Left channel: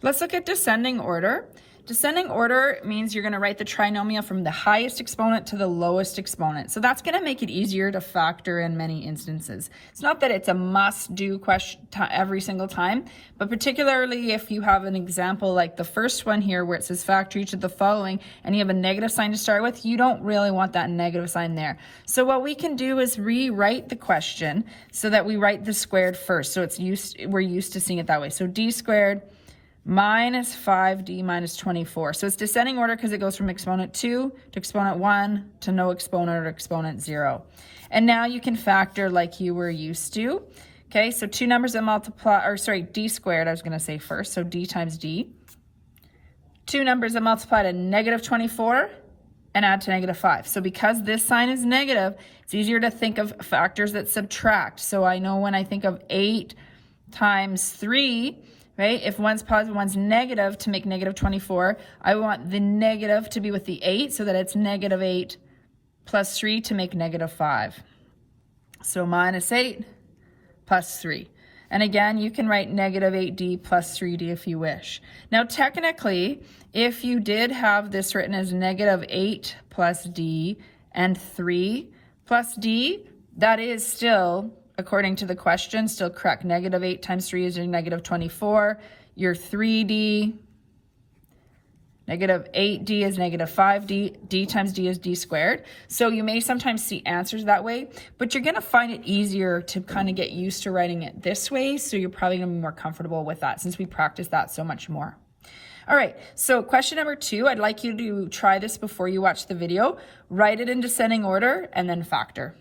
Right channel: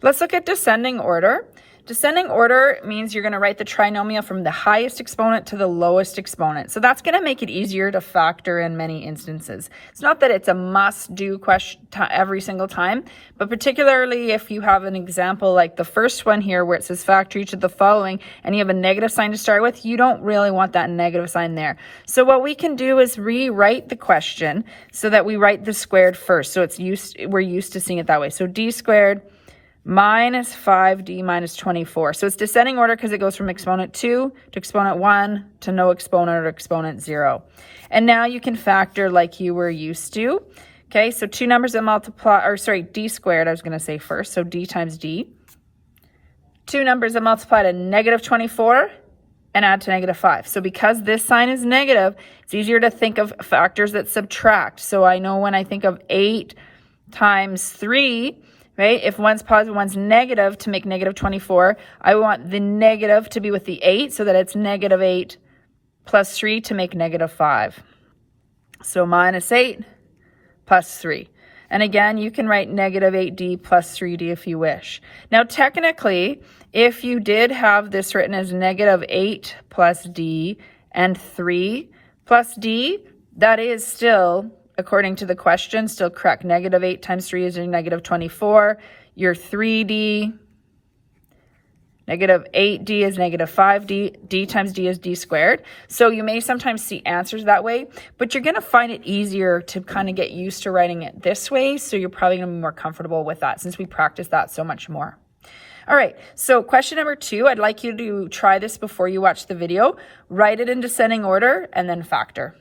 Let's look at descending order. Descending order means you're going to write the trinomial from the highest exponent to the lowest exponent. So that's going to make it easier to factor in many instances. It's not that it's a must-do question every single time, but particularly if you have an example like the first one here where it says factor each of the following and you have a negative sign to start with, you don't really want that negative sign there. So what we can do is rewrite the question so that we write the squared first. So we're used to seeing it that way. So d squared minus 5d minus 24. So it's descending order because it goes from exponent 2 to exponent 1 to no exponent or exponent 0. And now you can factor like you were used to. Okay, so two numbers that multiply, or sorry, d squared I was going to say first, so d times d. Two numbers that multiply to negative 24 and add to negative 5. So because this sign is negative, it's easier to think of factors that subtract. So I know when I think of 8 times 3, right? If one's positive, one's negative, to make negative 24, I want the negative to be with the 8 so that it's negative 8 plus 3 to make negative 5. So minus 8 plus 3. And again, you can write negative 8d plus 3d if you wish. Now, technically, if you did have this written as negative 8 plus d and 3 plus d, that is still, according to the question, still correct. Negative 8 times 3 is your negative 24. Your 3d, negative 8d is negative 5d. D times d is d squared. So you may sometimes see answers that way, but you're going to find it easier to kind of get used to writing it this way. So you're probably going to be more comfortable with that since we practice that so much more. All right, so question number 2, I'd like you to try this before you watch the video. Write it in descending order and then factor.